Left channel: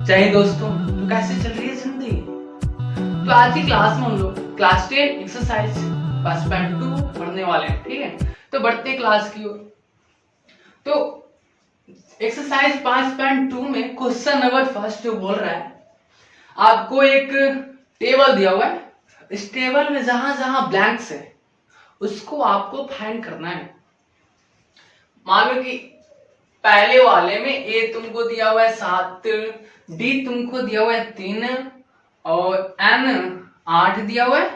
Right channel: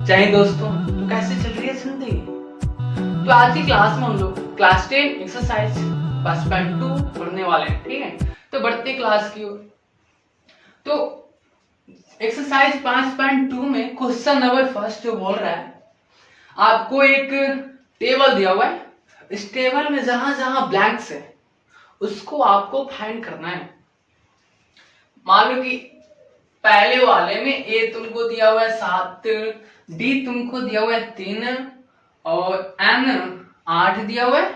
जय हिंद दोस्तों। तो कैसे चल रही है जिंदगी? तो आज की क्लास में हम लोग क्लास 10 एक्सरसाइज 5.2 पढ़ने वाले हैं। ठीक है, तो बढ़ते क्लास की ओर। तो एक्सरसाइज 5.2 में क्वेश्चन नंबर फर्स्ट जो बोल रहा है, आपको एक टेबल दिया हुआ है। इस टेबल में जहां जहां ब्लैंक्स है उसको आपको फाइंड करना है। मान लो कि पहले वाले में ए तुमको दिया हुआ है 7, डी तुमको दिया हुआ है 3 और एन 8 दिया हुआ है,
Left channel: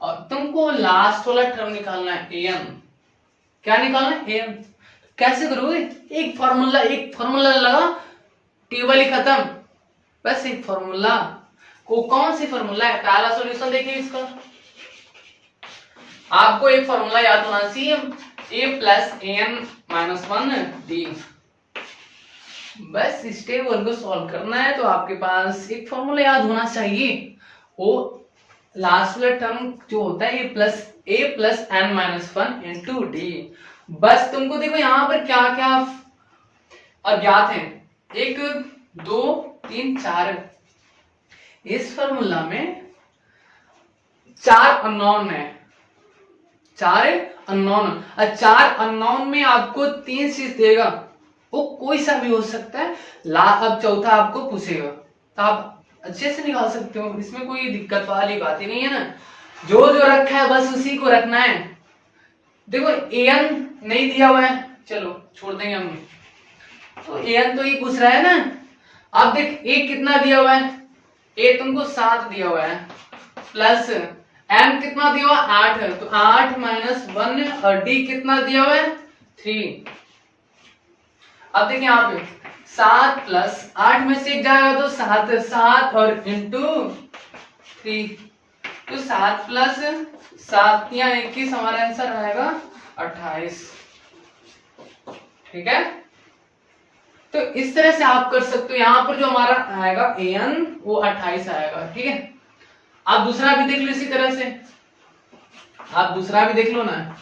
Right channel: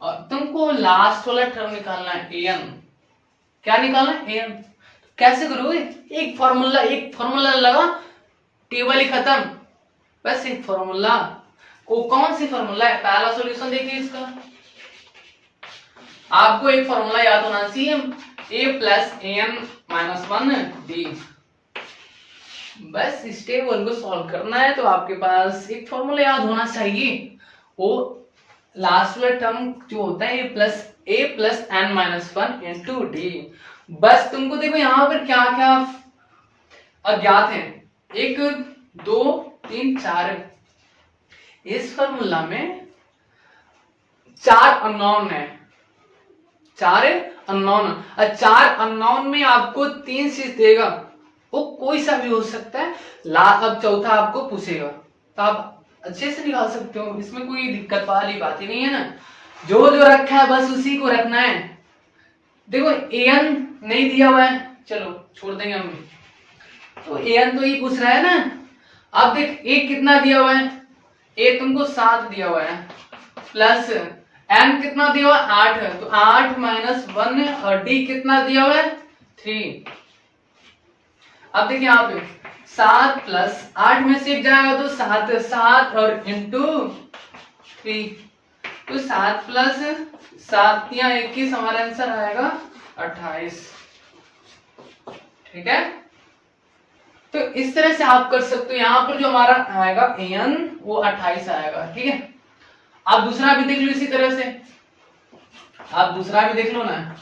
और तुमको लास्ट वाला टर्म निकालना है एन। क्या निकालना है? एन। कैसे करोगे? एक फॉर्मूला लगा, टेबल ही खत्म। बस एक फॉर्मूला। कौन सी फॉर्मूला है? पहला सॉल्यूशन देखिए इसका। आपको एक फॉर्मूला याद होना चाहिए, ए प्लस एन माइनस 1 डी। बस इस टेबल को सॉल्व करना है तो आपके पास एक फॉर्मूला याद होना चाहिए। वो लास्ट वाला टर्म जो होता है a plus n minus 1 into d. बस तुमको देखो यहाँ पर क्या क्या अज्ञात है। 1 2 3 4। इस फॉर्मूला में 4 अननोन है। 4 अननोन, और 4 अननोन में आपको 3 चीज देगा। वो कोई सा भी हो सकता है। अब चौथा आपको पूछेगा तो आप अच्छे से निकाल सकते हो, इसमें कोई दिक्कत वाली बात ही नहीं है ना। जो जो रखा है बस उसी को रखना है। देखो एन नहीं दिया हुआ है, चलो छोड़ देंगे हम। तो एन तो ये पूछ रहा है ना। अब देख ए कितना दिया हुआ है, ए तुमको 7 दिया हुआ है, प्लस एन कितना दिया हुआ है 8 है, तो 8 माइनस 1, और डी कितना दिया हुआ है 3। अब देखिए यहाँ पे 7 प्लस 8 में से जाएगा तो 7 और इंटू 3, तो 7 प्लस 7 या 21 हमारा आंसर आएगा 28। ठीक है, तो इस तरह से आप कर सकते हो। यहाँ पर जो हमारा आएगा एन वो 28 आएगा। ठीक है, आप दूसरा भी देख लो इसी तरह से। आप दूसरा भी देख लो ना।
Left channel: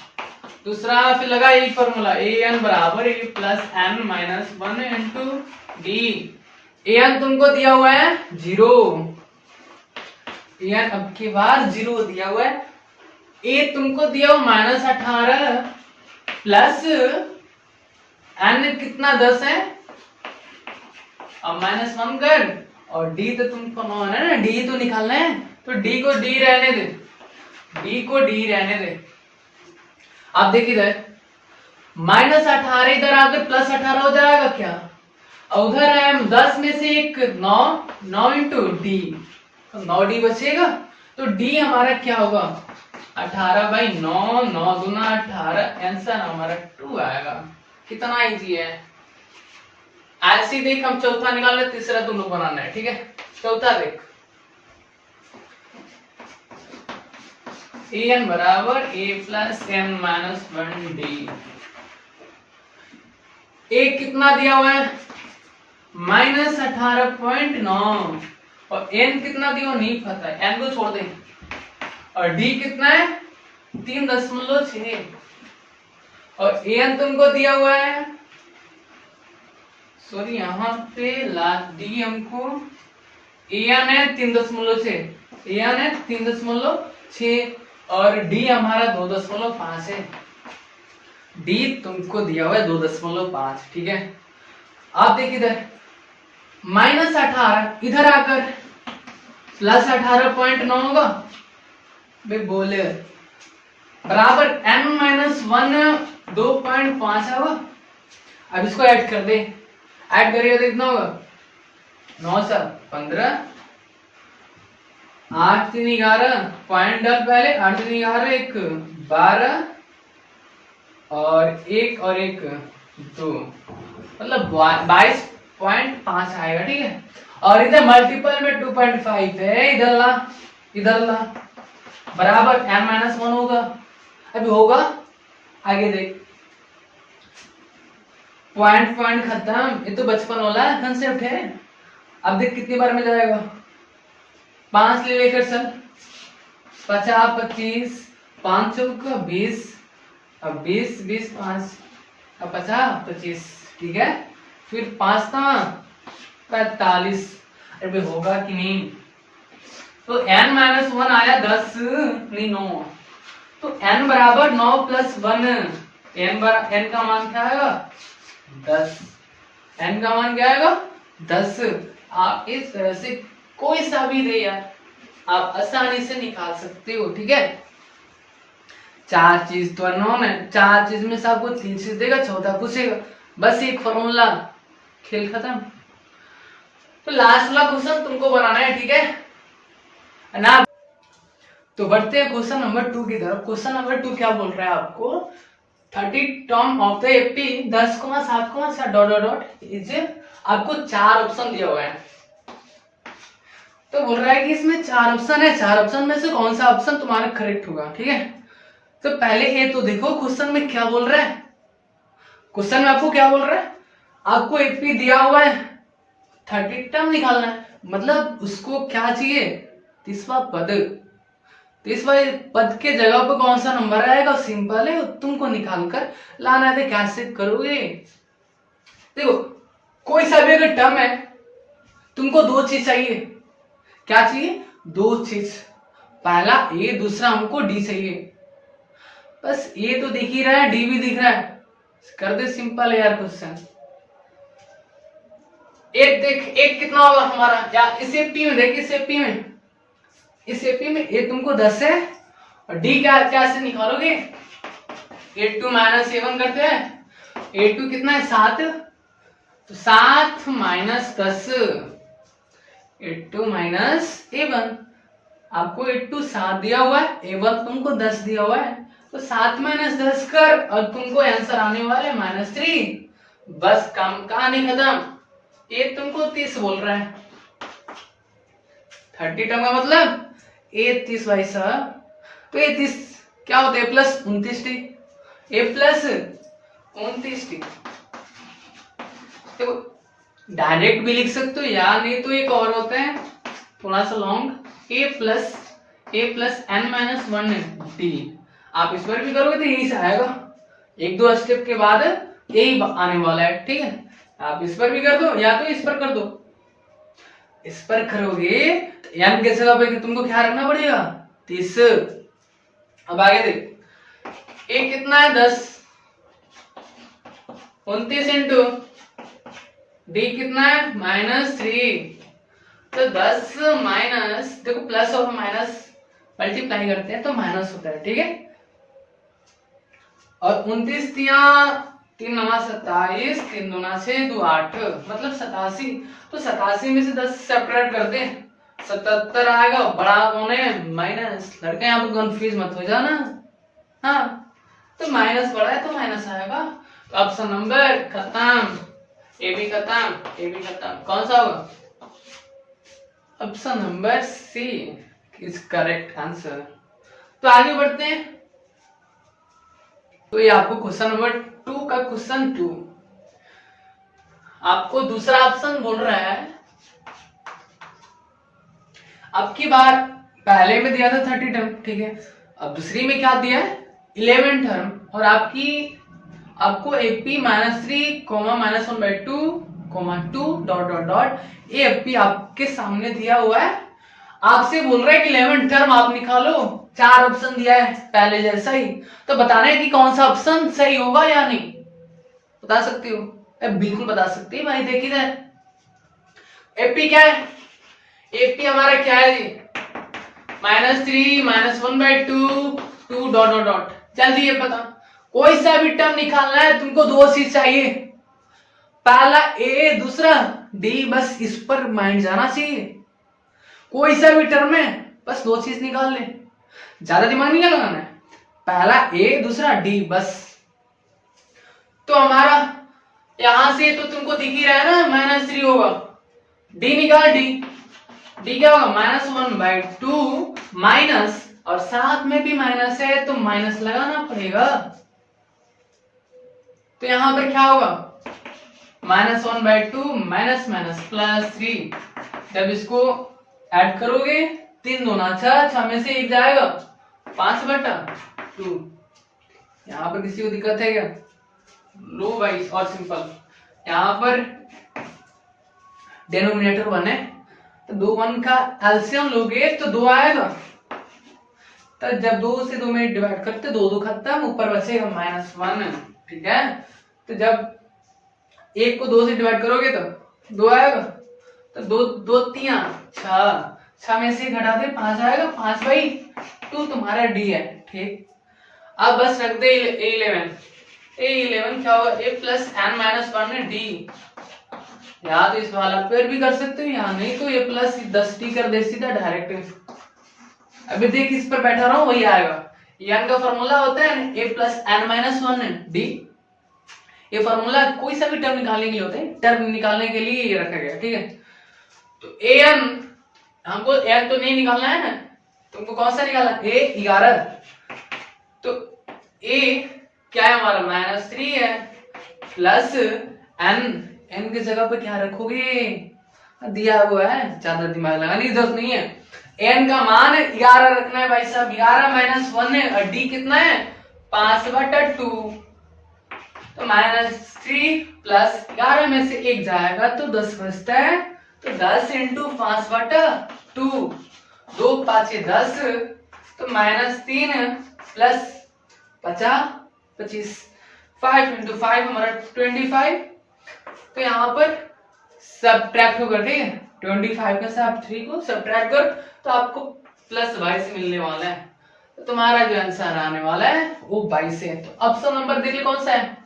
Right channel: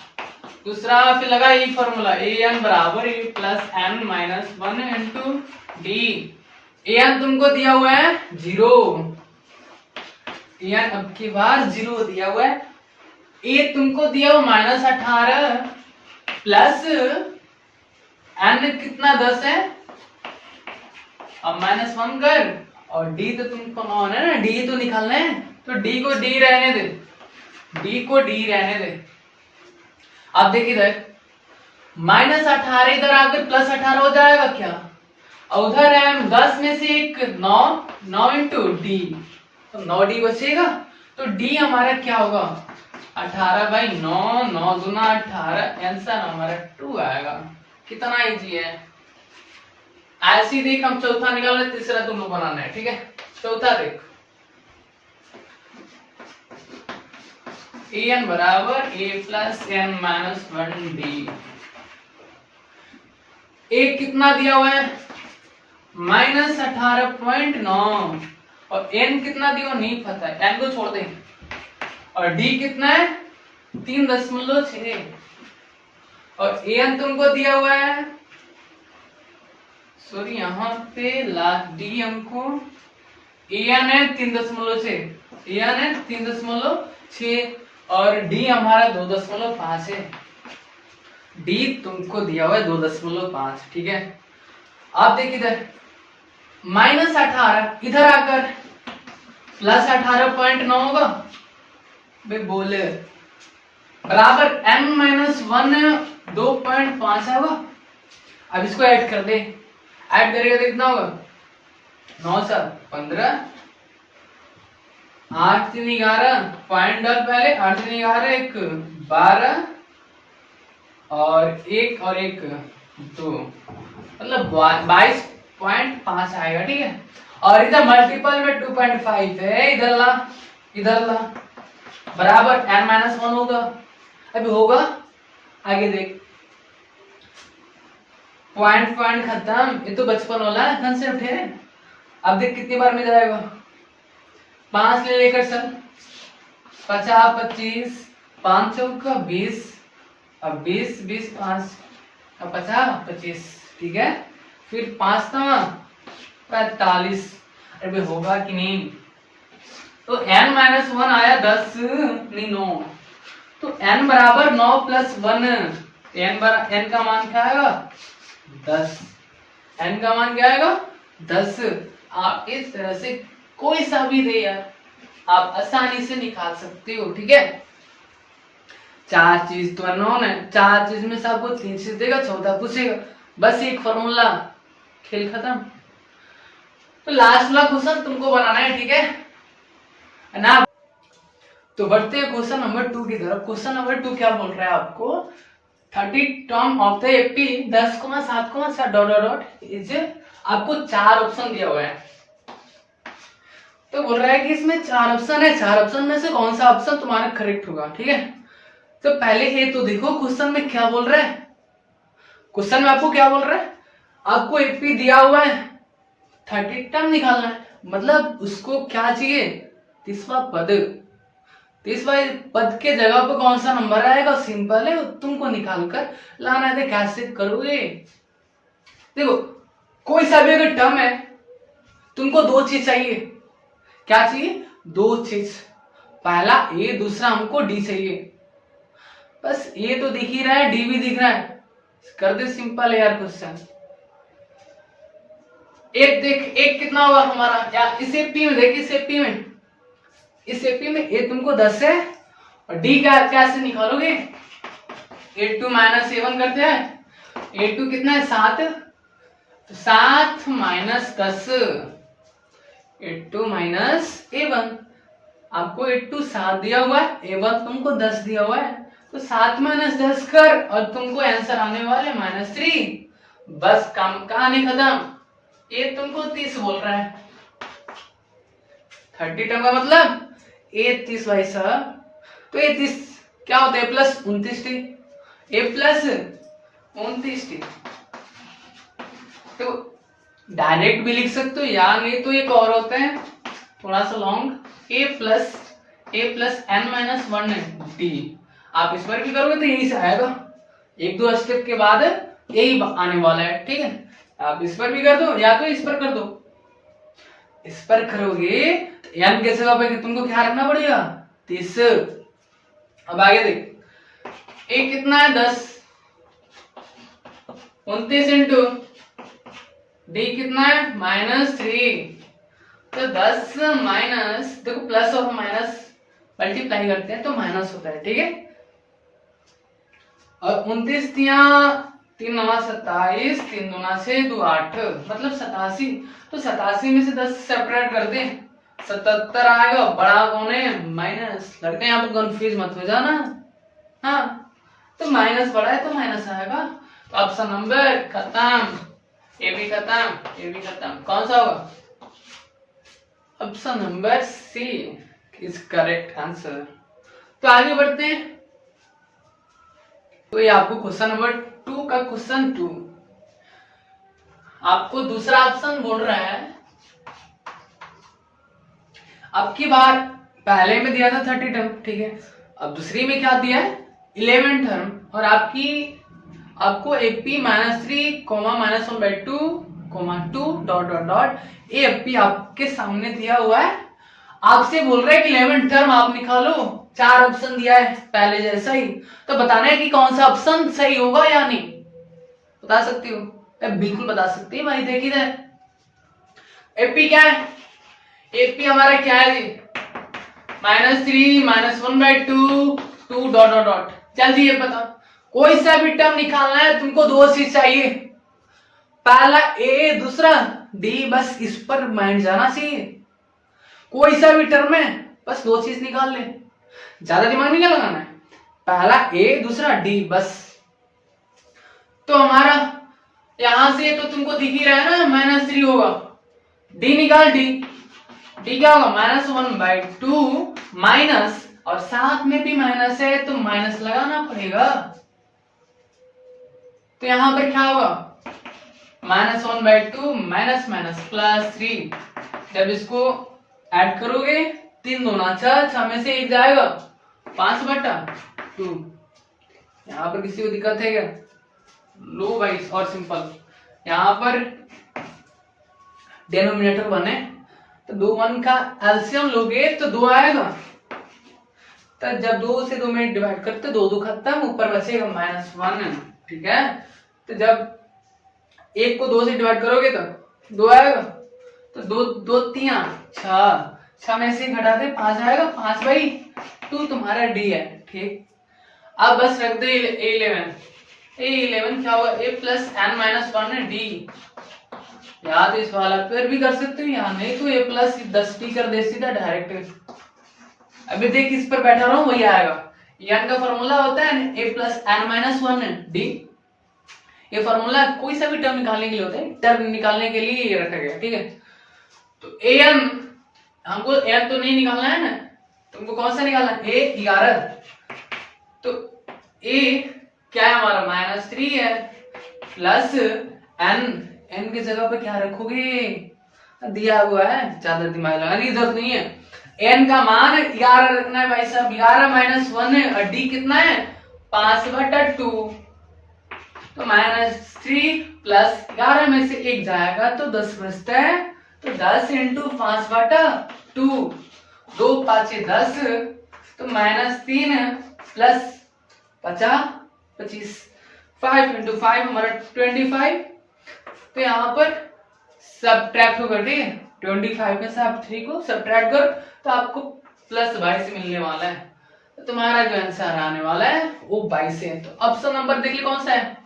दूसरा फिर लगा यही फॉर्मूला, ए एन बराबर a plus n minus 1 into d. A n तुमको दिया हुआ है 0, ए एन अब की बार 0 दिया हुआ है। ए तुमको दिया हुआ माइनस 18 प्लस एन कितना 10 है, अब माइनस 1 कर, और डी तो तुमको 9 है ना, डी तो निकालना है, तो डी को डी रहने दे, डी को डी रहने दे। अब देखिए इधर माइनस 18 इधर आकर प्लस 18 हो जाएगा क्या, और उधर है 10 में से एक 9 इंटू डी, तो 9 डी बचेगा। तो डी हमारा क्या होगा 18/9, 9 दूना 18, आंसर हमारा 2 आएगा। कितना इजी है। ऐसे ही देख, हम चौथा निकाल ले, तीसरा दोनों बनाना है। ठीक है, चौथा देख, एन बराबर a plus n minus 1 D. ए कितना दिया हुआ है माइनस 18.9, और एन कितना दिया हुआ नहीं पता है, एन को छोड़ दें, और डी कितना है 3.6, और एन तुमको दिया हुआ है, सॉरी यहाँ पे लास्ट डी हमको एन है 3.6, एन है 3.6, और डी हमारा 2.5 है। डी तुमको दिया हुआ है 2.5। ठीक है, अब देखिए इधर माइनस 18 इधर आकर प्लस 18.9 होगा, बोले बराबर m माइनस 1 2.5 होगा। अब इसको ऐड कर दे, ऐड करेगा तो कितना होगा 9 7 15, 8 3 11 पॉइंट डाल पहले, 8 3 11 1 12, और 1 और 1 2, मतलब 22.5 आएगा। ठीक है, और इधर मल्टीपल में 2.5 है, इधर ला बराबर n माइनस 1 होगा। अभी होगा आगे देख, पॉइंट खत्म, ये तो बचपन वाला कंसेप्ट है। अब देख कितनी बार में जाएगा, 5 ले लेकर चल, 50 25, 5 चौका 20, अब 20 20 5, अब 50 25। ठीक है, फिर 5 था 45, अरे भाई होगा कि नहीं? तो n माइनस 1 आया 10 नहीं 9, तो n बराबर 9 प्लस 1, n का मान क्या आएगा 10, n का मान क्या आएगा 10। आप इस तरह से कोई सा भी दे यार आप आसानी से निकाल सकते हो, ठीक है। 4 चीज तो अननोन है, 4 चीज में से आपको 3 चीज देगा, चौथा पूछेगा, बस एक फॉर्मूला, खेल खत्म। तो लास्ट वाला क्वेश्चन तुमको बनाना है, ठीक है ना। तो बढ़ते हैं क्वेश्चन नंबर 2 की तरफ। क्वेश्चन नंबर 2 क्या बोल रहा है आपको, 30 term of the AP 10,7,7 dot dot dot is, आपको 4 ऑप्शन दिया हुआ है। तो बोल रहा है कि इसमें 4 ऑप्शन है, 4 ऑप्शन में से कौन सा ऑप्शन तुम्हारा करेक्ट होगा, ठीक है। तो पहले ये तो देखो क्वेश्चन में क्या बोल रहा है, क्वेश्चन में आपको क्या बोल रहा है, आपको एपी दिया हुआ है, 30 टर्म निकालना है, मतलब उसको क्या चाहिए, 30वां पद। 30वां पद के जगह पर कौन सा नंबर आएगा, सिंपल है, तुमको निकाल कर लाना है। कैसे करोगे, देखो कोई सा भी अगर टर्म है, तुमको 2 चीज चाहिए, क्या चाहिए 2 चीज, पहला ए, दूसरा हमको डी चाहिए। बस ए तो दिख ही रहा है, डी भी दिख रहा है, कर दे, सिंपल है यार क्वेश्चन। एक देख, एक कितना होगा हमारा, या इस एपी में देख, इस एपी में, इस एपी में ए तुमको 10 है, और डी क्या कैसे निकालोगे, A2 माइनस A1 करते हैं, A2 कितना है 7, तो 7 माइनस 10, A2 माइनस A1, आपको A2 7 दिया हुआ है, A1 तुमको 10 दिया हुआ है, तो 7 माइनस 10 कर, और तुमको आंसर आने वाला है -3। बस काम कहानी खत्म। ये तुमको 30 बोल रहा है, 30 टर्म का मतलब ए 30 भाई साहब। तो ए 30 क्या होता है, प्लस 29t, ए प्लस 29t। तो डायरेक्ट भी लिख सकते हो, या नहीं तो एक और होता है थोड़ा सा लॉन्ग, ए प्लस एन माइनस 1 डी। आप इस पर भी करोगे तो यही से आएगा, 1-2 स्टेप के बाद यही आने वाला है, ठीक है। आप इस पर भी कर दो, या तो इस पर कर दो। इस पर करोगे तो एन के जगह पे तुमको क्या रखना पड़ेगा 30। अब आगे देख, ए कितना है 10, 29 इंटू डी कितना है -3, तो 10 माइनस, देखो प्लस और माइनस मल्टीप्लाई करते हैं तो माइनस होता है, ठीक है। और 29 3 9 27, 3 2 6 2 8, मतलब 87। तो 87 में से 10 सेपरेट कर दे, 77 आएगा, बड़ा होने माइनस, लड़के यहाँ पर कंफ्यूज मत हो जाना, हाँ। तो माइनस बड़ा है तो माइनस आएगा। तो ऑप्शन नंबर खत्म, ए भी खत्म, ए भी खत्म, कौन सा होगा, option number c is correct answer. तो आगे बढ़ते हैं। तो ये आपको क्वेश्चन नंबर 2 का क्वेश्चन 2, आपको दूसरा ऑप्शन बोल रहा है, अब की बार पहले में दिया था 30 टर्म, ठीक है। अब दूसरी में क्या दिया है 11 टर्म, और आपको AP -3, -1/2, 2 dot dot dot AP आपके सामने दिया हुआ है। आपसे बोल रहा है कि 11 टर्म आप निकालो, 4 ऑप्शन दिया है पहले जैसा ही, तो बताना है कि कौन सा ऑप्शन सही होगा या नहीं, बता सकती हो, बिल्कुल बता सकती है भाई। देखिए इधर AP क्या है, AP हमारा क्या है जी -3, -1/2, 2 डॉट डॉट डॉट। जल्दी ये बता, कोई सा भी टर्म निकालना है तुमको 2 चीज चाहिए, पहला ए, दूसरा डी, बस इस पर माइंड जाना चाहिए। कोई सा भी टर्म है बस 2 चीज निकाल ले, ज्यादा दिमाग नहीं लगाना है, पहला ए, दूसरा डी, बस। तो हमारा यहां से तो तुमको दिख ही रहा है ना -3 होगा, डी निकाल, डी क्या होगा -1/2 माइनस, और साथ में भी माइनस है तो माइनस लगाना पड़ेगा। तो यहां पर क्या होगा -1/2 माइनस माइनस +3, जब इसको ऐड करोगे 3 2 6, 6 में से 1 जाएगा 5/2। यहां पर किसी को दिक्कत है क्या, लो भाई, और सिंपल, यहां पर डिनोमिनेटर 1 है तो 2 1 का एलसीएम लोगे तो 2 आएगा। तो जब 2 से 2 में डिवाइड करते 2 2 खत्म, ऊपर बचेगा -1। ठीक है, तो जब 1 को 2 से डिवाइड करोगे तो 2 आएगा। तो 2 2 3 6, 6 में से घटा दे 5 आएगा, 5/2 तुम्हारा डी है। ठीक, अब बस रख दे A11 क्या होगा, A plus n minus 1 D. या तो इस वाला पर भी कर सकते हो, या नहीं तो A प्लस 10 भी कर दे सीधा डायरेक्ट। अभी देख इस पर बैठा रहा हूं वही आएगा। n का फॉर्मूला होता है A plus n minus 1 D. ये फॉर्मूला कोई सा भी टर्म निकालने के लिए होता है, टर्म निकालने के लिए ये रखा गया। ठीक है, तो an हमको n तो नहीं निकालना है ना, तुमको कौन सा निकालना है, A11। तो A क्या है हमारा -3 है, प्लस n की जगह पे क्या रखोगे, दिया हुआ है, ज्यादा दिमाग लगाने की जरूरत नहीं है। n का मान 11 रखना है भाई साहब, 11 माइनस 1 है, और d कितना है 5/2। तो -3 प्लस 11 में से 1 जाएगा तो 10 बचता है, तो 10 × 5/2, 2 5 10, तो -3 प्लस 25, 5 × 5 हमारा 25। तो यहाँ पर सब्ट्रैक्ट होगा। ठीक है, 25 में से आप 3 को सब्ट्रैक्ट करो तो आपको +22 मिलने वाला है। तो तुम्हारा जो आंसर आने वाला है वो 22 है। तो ऑप्शन नंबर देख ली कौन सा है,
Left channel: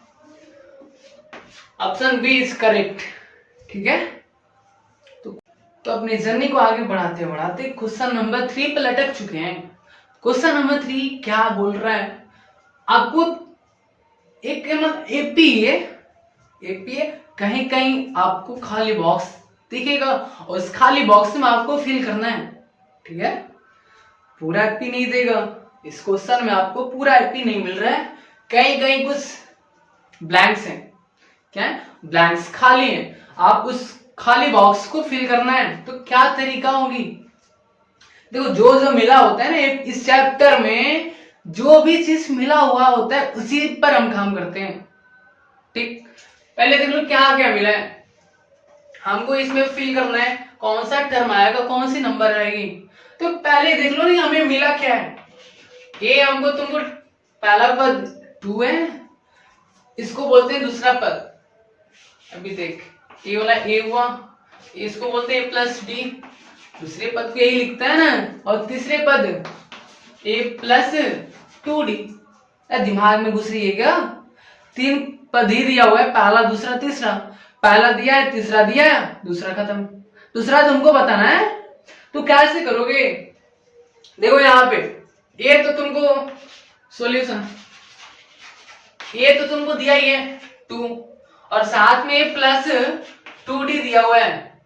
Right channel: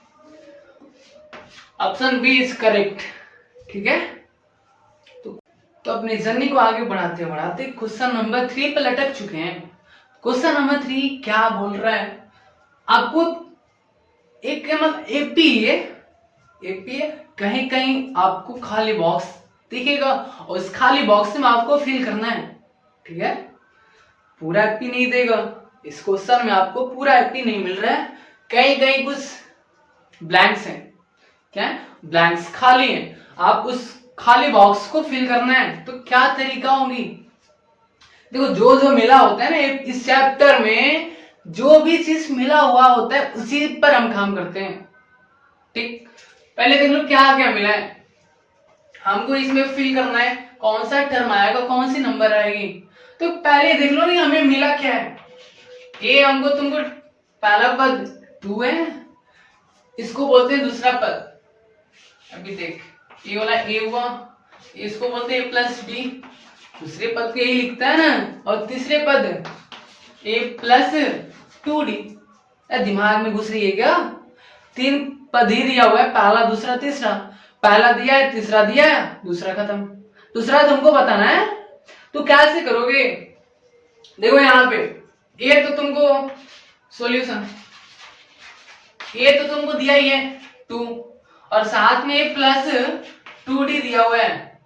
ऑप्शन बी इज करेक्ट। ठीक है, तो अपनी जर्नी को आगे बढ़ाते बढ़ाते क्वेश्चन नंबर 3 पे लटक चुके हैं। क्वेश्चन नंबर 3 क्या बोल रहा है, आपको एक एपी है, कहीं कहीं आपको खाली बॉक्स दिखेगा और उस खाली बॉक्स में आपको फिल करना है। ठीक है, पूरा एपी नहीं देगा, इस क्वेश्चन में आपको पूरा एपी नहीं मिल रहा है, कहीं कहीं कुछ ब्लैंक्स हैं। क्या है, ब्लैंक्स खाली हैं, आप उस खाली बॉक्स को फिल करना है। तो क्या तरीका होगी, देखो जो जो मिला होता है ना इस चैप्टर में, जो भी चीज मिला हुआ होता है उसी पर हम काम करते हैं। ठीक, पहले देख लो क्या क्या मिला है, हमको इसमें फिल करना है, कौन सा टर्म आएगा, कौन सी नंबर आएगी। तो पहले देख लो नहीं हमें मिला क्या है, ये हमको तुमको पहला पद 2 है, इसको बोलते हैं दूसरा पद। अभी देख ये वाला ए हुआ, इसको बोलते हैं प्लस डी, दूसरे पद को यही लिखता है ना, और तीसरे पद ए प्लस 2d। दिमाग में घुस रही है क्या, 3 पद ही दिया हुआ है, पहला दूसरा तीसरा, पहला दिया है तीसरा दिया है, दूसरा खत्म। दूसरा तुमको बताना है, तो कैसे करोगे, देखो यहाँ पे ये तो तुमको सॉल्यूशन, ये तो तुमको दिया ही है 2, और साथ में प्लस 2d दिया हुआ है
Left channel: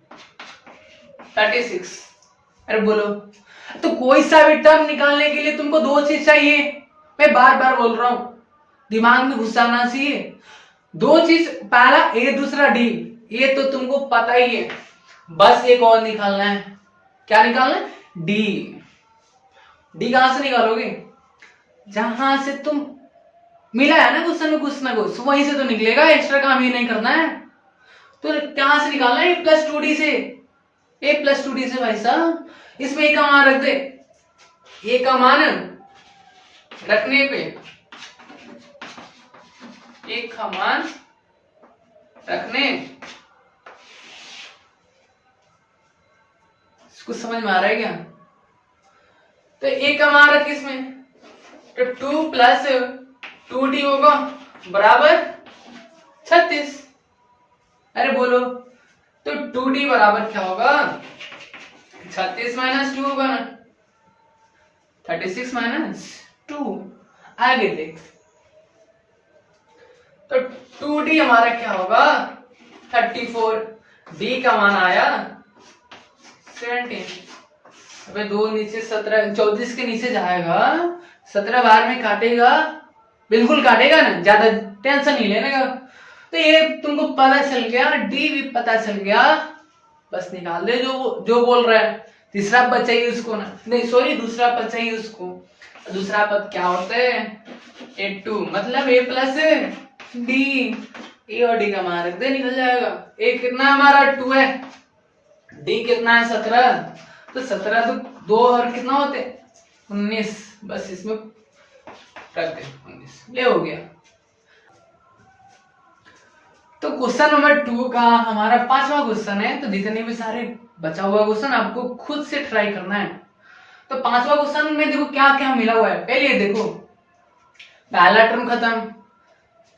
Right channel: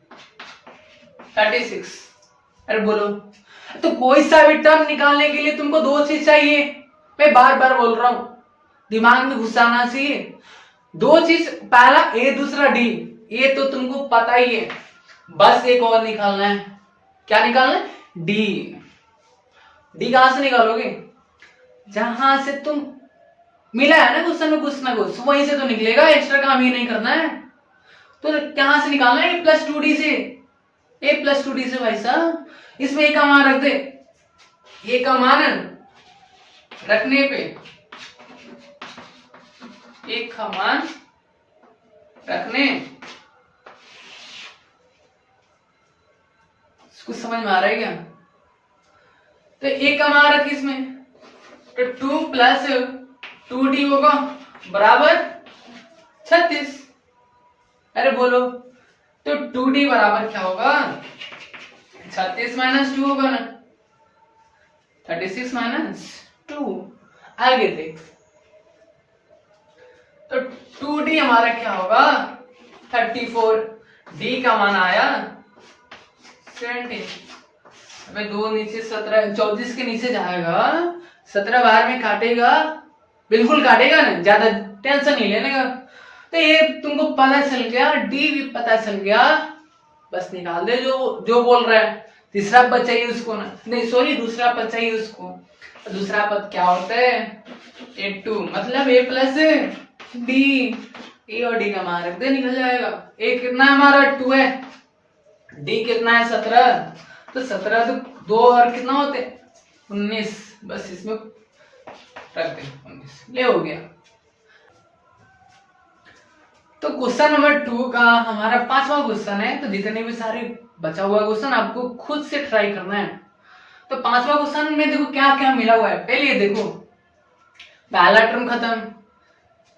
36। अरे बोलो, तो कोई सा भी टर्म निकालने के लिए तुमको 2 चीज चाहिए, मैं बार बार बोल रहा हूं, दिमाग में घुसाना चाहिए 2 चीज, पहला ए दूसरा डी, ये तो तुमको पता ही है, बस एक और निकालना है। क्या निकालना है, डी। डी कहां से निकालोगे, जहां से तुम मिला है ना क्वेश्चन में कुछ ना कुछ, वहीं से तो निकलेगा, एक्स्ट्रा काम ही नहीं करना है। तो कहां से निकालना है, ए प्लस 2d से, ए प्लस 2d से भाई साहब। इसमें एक का मान रख दे, ए का मान रखने पे, एक का मान रखने, कुछ समझ में आ रहा है क्या, तो ए का मान रख इसमें, तो 2 प्लस 2d होगा बराबर 36। अरे बोलो, तो 2d बराबर क्या होगा, 36 माइनस 2 होगा ना, 36 माइनस 2। आगे देख, तो 2d हमारा क्या होगा 34, d का मान आया 17। अबे 2 नीचे 17, 34 के नीचे जाएगा, 17 बार में काटेगा, बिल्कुल काटेगा ना, ज्यादा टेंशन नहीं लेने का। तो ये तुमको पता चल गया, डी भी पता चल गया, बस निकाल दे जो बोल रहा है। तीसरा पद चाहिए उसको ना, नहीं सॉरी दूसरा पद चाहिए उसको। दूसरा पद क्या होता है, A2, मतलब A प्लस डी, ए और डी का मान रख दे, निकल जाएगा। ए कितना है हमारा 2 है, डी कितना है 17, तो 17 तो 2 और कितना होते 19, बस इसमें रख दे 19, ले हो गया। तो क्वेश्चन नंबर 2 का हमारा 5वां क्वेश्चन है। तो जितने भी सारे बचा हुआ क्वेश्चन आपको खुद से ट्राई करना है। तो 5वां क्वेश्चन में देखो क्या क्या मिला हुआ है। पहले ये देखो, पहला टर्म खत्म,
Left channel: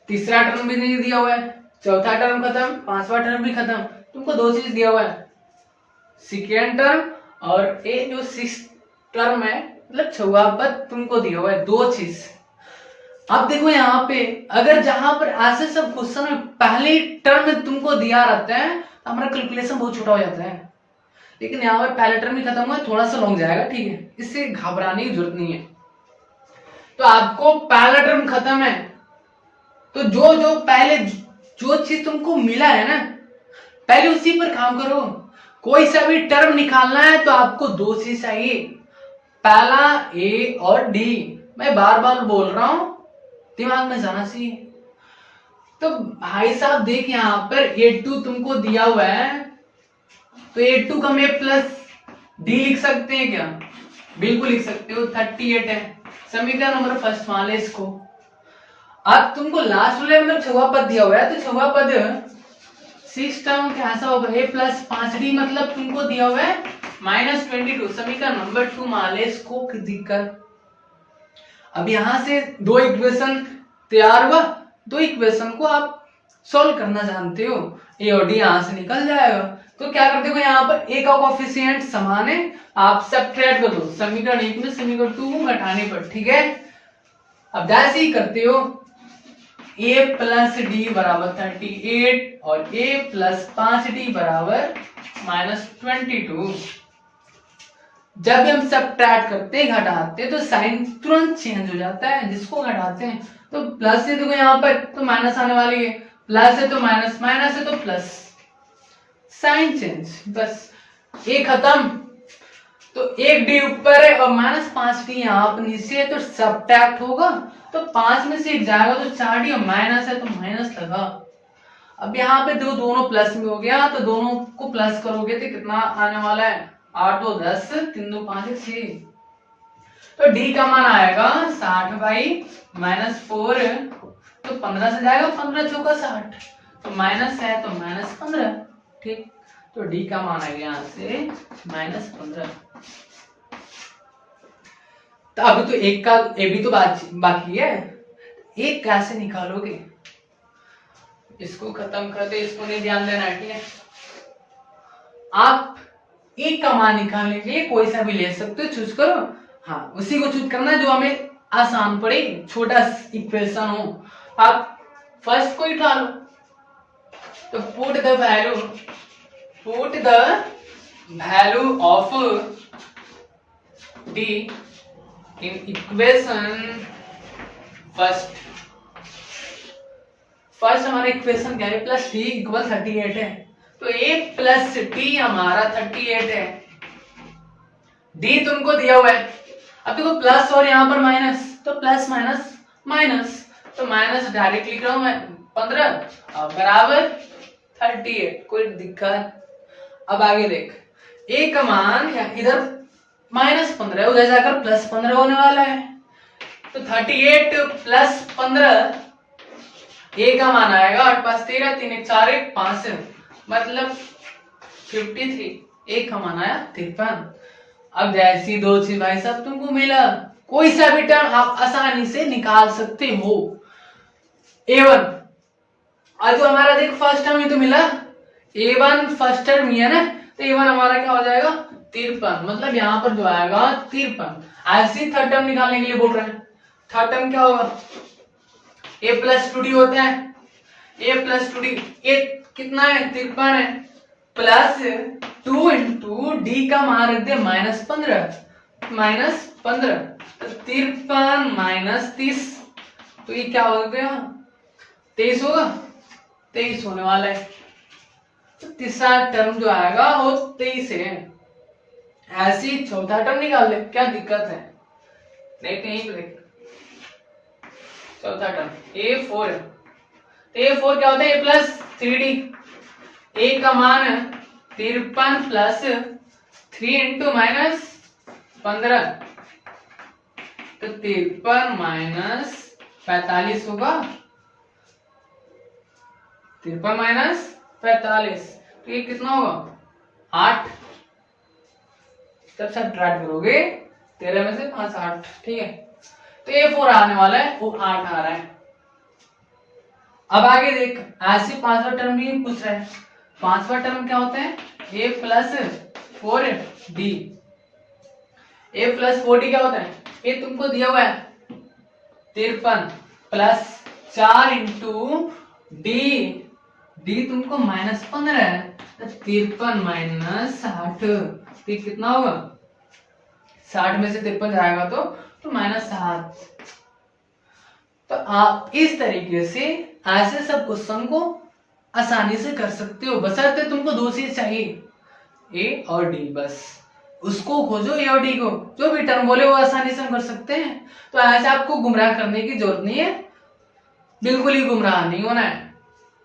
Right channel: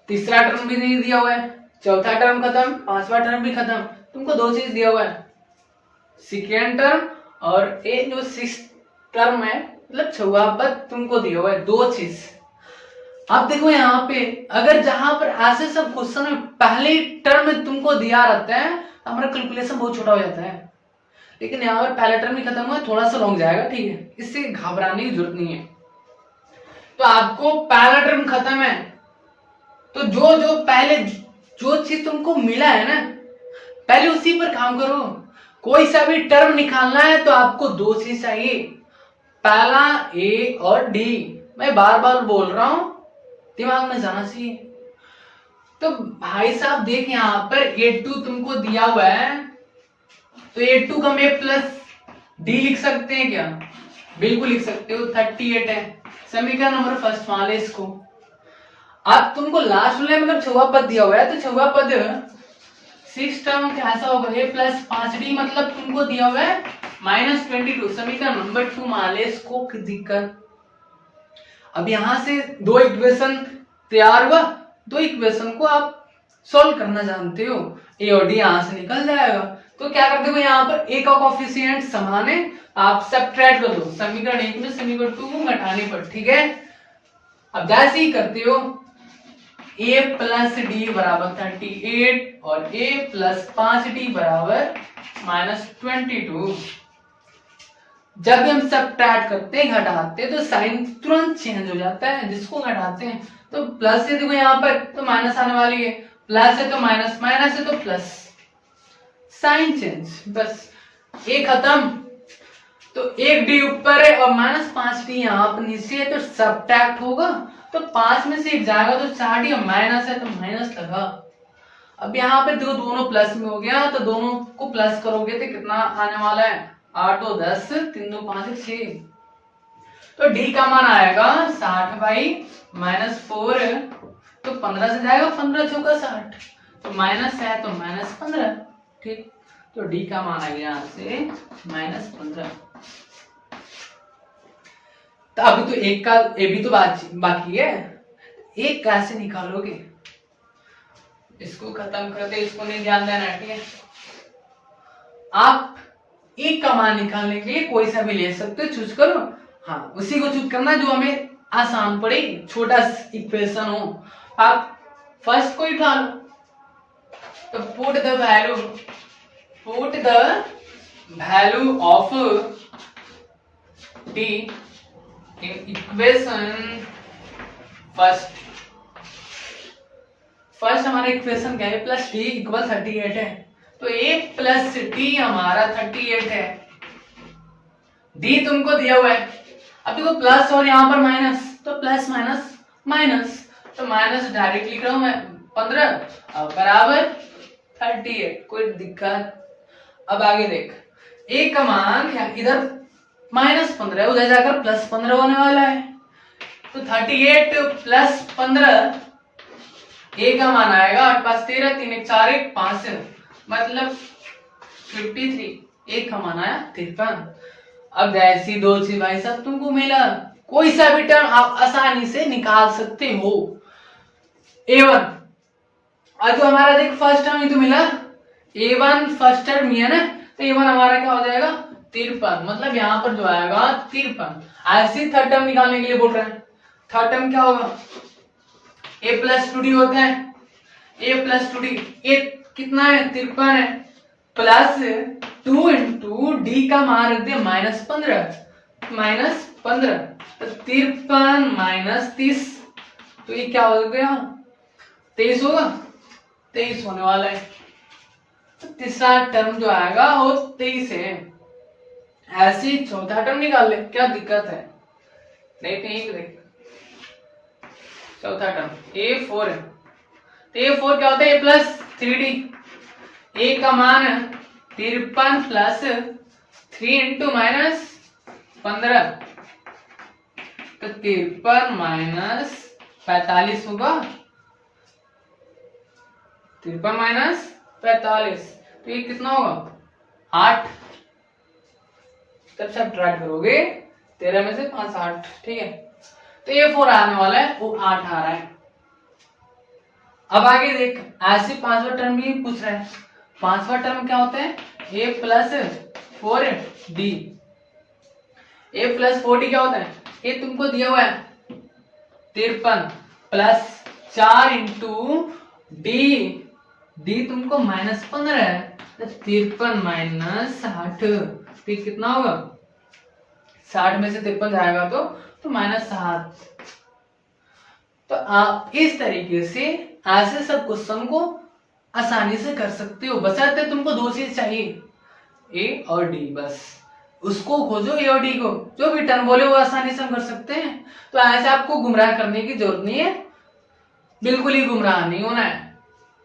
तीसरा टर्म भी नहीं दिया हुआ है, चौथा टर्म खत्म, पांचवा टर्म भी खत्म। तुमको 2 चीज दिया हुआ है, सेकेंड टर्म और ये जो 6 टर्म है, मतलब 6वां पद तुमको दिया हुआ है, 2 चीज। अब देखो यहाँ पे अगर जहां पर ऐसे सब क्वेश्चन में पहले टर्म में तुमको दिया रहता है तो हमारा कैलकुलेशन बहुत छोटा हो जाता है। लेकिन यहाँ पर पहला टर्म ही खत्म हुआ है, थोड़ा सा लॉन्ग जाएगा, ठीक है, इससे घबराने की जरूरत नहीं है। तो आपको पहला टर्म खत्म है, तो जो जो पहले जो चीज तुमको मिला है ना, पहले उसी पर काम करो। कोई सा भी टर्म निकालना है तो आपको 2 चीज चाहिए, पहला ए और डी। मैं बार बार बोल रहा हूं, दिमाग में जाना चाहिए। तो भाई साहब देख यहाँ पर A2 तुमको दिया हुआ है, तो A2 का मैं प्लस डी लिख सकते हैं क्या? बिल्कुल लिख सकते हो, 38 है। समीकरण नंबर फर्स्ट मान ले इसको। अब तुमको लास्ट में मतलब 6वां पद दिया हुआ है, तो 6वां पद 6 टर्म कैसा होगा, A प्लस 5D, मतलब तुमको दिया हुआ है -22। समीकरण नंबर 2 मान ले इसको दिक्कत। अब यहां से 2 इक्वेशन तैयार हुआ, 2 इक्वेशन को आप सॉल्व करना जानते हो, ए और डी यहां से निकल जाएगा। तो क्या करते हो, यहाँ पर ए का कोफिशिएंट समान है, आप सब्ट्रैक्ट कर दो समीकरण 1 में समीकरण 2 को घटाने पर, ठीक है। अब जैसे ही करते हो, ए प्लस डी बराबर 38 और ए प्लस 5D बराबर -22। जब भी हम सब्ट्रैक्ट करते हैं, घटाते हैं, तो साइन तुरंत चेंज हो जाता है। जिसको घटाते हैं तो प्लस है, देखो यहाँ पर तो माइनस आने वाली है, प्लस है तो माइनस, माइनस है तो प्लस, साइन चेंज, बस ये खत्म। तो 1D ऊपर है और -5D यहाँ पर नीचे है, तो सब्ट्रैक्ट होगा, तो 5 में से 1 जाएगा तो 4D, और माइनस है तो माइनस लगा। अब यहाँ पे देखो दोनों प्लस में हो गया, तो दोनों को प्लस करोगे तो कितना आने वाला है, 8 और 10, 3 2 5 6। तो डी का मान आएगा 60/-4, तो 15 से जाएगा, 15 चौका 60, तो माइनस है तो -15, ठीक। तो डी का मान आ गया यहाँ से -15। तो अभी तो एक का ए भी तो बाकी है, एक कैसे निकालोगे, इसको खत्म कर दे, इसको नहीं ध्यान देना, ठीक है। आप एक का मान निकालने के लिए कोई सा भी ले सकते हो, चूज करो, हाँ उसी को चूज करना जो हमें आसान पड़े, छोटा इक्वेशन हो। आप फर्स्ट को उठा लो, तो put the value of D in equation first हमारा इक्वेशन क्या है, प्लस डी इक्वल 38 है, तो a प्लस टी हमारा 38 है। डी तुमको दिया हुआ है, अब देखो प्लस और यहाँ पर माइनस, तो प्लस माइनस माइनस, तो माइनस डायरेक्ट लिख रहा हूं मैं 15 बराबर 38, कोई दिक्कत। अब आगे देख, a का मान इधर -15 उधर जाकर +15 होने वाला है, तो 38 + 15, a का मान आएगा 8 5 13, 3 1 4 1 5, मतलब 53, एक का मान आया 53। अब ऐसी 2 चीज भाई साहब तुमको मिला, कोई सा भी टर्म आप आसानी से निकाल सकते हो। a1 और जो हमारा देख फर्स्ट टर्म ही तो मिला, a1 फर्स्ट टर्म ही है ना, तो a1 हमारा क्या हो जाएगा 53, मतलब यहाँ पर जो आएगा 53। ऐसे थर्ड टर्म निकालने के लिए बोल रहे हैं, थर्ड टर्म क्या होगा, a + 2d होता है, a + 2d, ये कितना है 53 है, प्लस 2 इंटू डी का मान रख दिया -15, तो 53 - 30, तो ये क्या हो गया 23 होगा, 23 होने वाला है। तो तीसरा टर्म जो आएगा वो 23 है। ऐसे ही चौथा टर्म निकाल ले, क्या दिक्कत है, देखते हैं देख, चौथा टर्म a4 है, तो a4 क्या होता है, a + 3d, a का मान है 53 प्लस 3 इंटू माइनस 15, तो 53 माइनस 45 होगा। 53 माइनस 45, तो ये कितना होगा 8। जब सब्ट्रैक्ट करोगे 13 में से 5 8, ठीक है। तो ये 4 आने वाला है, वो 8 आ रहा है। अब आगे देख, ऐसे पांचवा टर्म भी पूछ रहा है। पांचवा टर्म क्या होता है, a plus 4d। a plus 4d क्या होता है, ये तुमको दिया हुआ है 53 प्लस 4 इंटू डी तुमको -15 है, तो 53 माइनस 60, तो कितना होगा 60 में से 53 जाएगा तो -7। तो आप इस तरीके से ऐसे सब क्वेश्चन को आसानी से कर सकते हो, बशर्ते तुमको दो चीज चाहिए, ए और डी, बस उसको खोजो। ए और डी को जो भी टर्म बोले वो आसानी से हम कर सकते हैं। तो ऐसे आपको गुमराह करने की जरूरत नहीं है, बिल्कुल ही गुमराह नहीं होना है।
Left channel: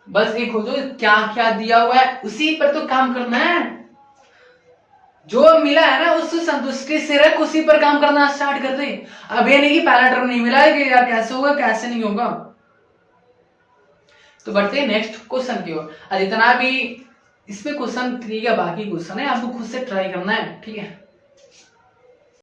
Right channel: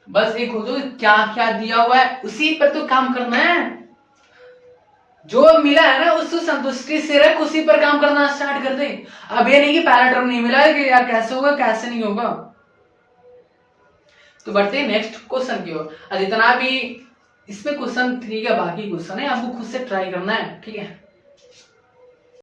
बस ये खोजो क्या क्या दिया हुआ है, उसी पर तो काम करना है। जो मिला है ना उससे संतुष्टि से रख, उसी पर काम करना स्टार्ट कर दे। अब ये नहीं कि पहला टर्म नहीं मिला है कि यार कैसे होगा कैसे नहीं होगा। तो बढ़ते हैं नेक्स्ट क्वेश्चन की ओर। जितना भी इसमें क्वेश्चन 3 का बाकी क्वेश्चन है आपको खुद से ट्राई करना है, ठीक है।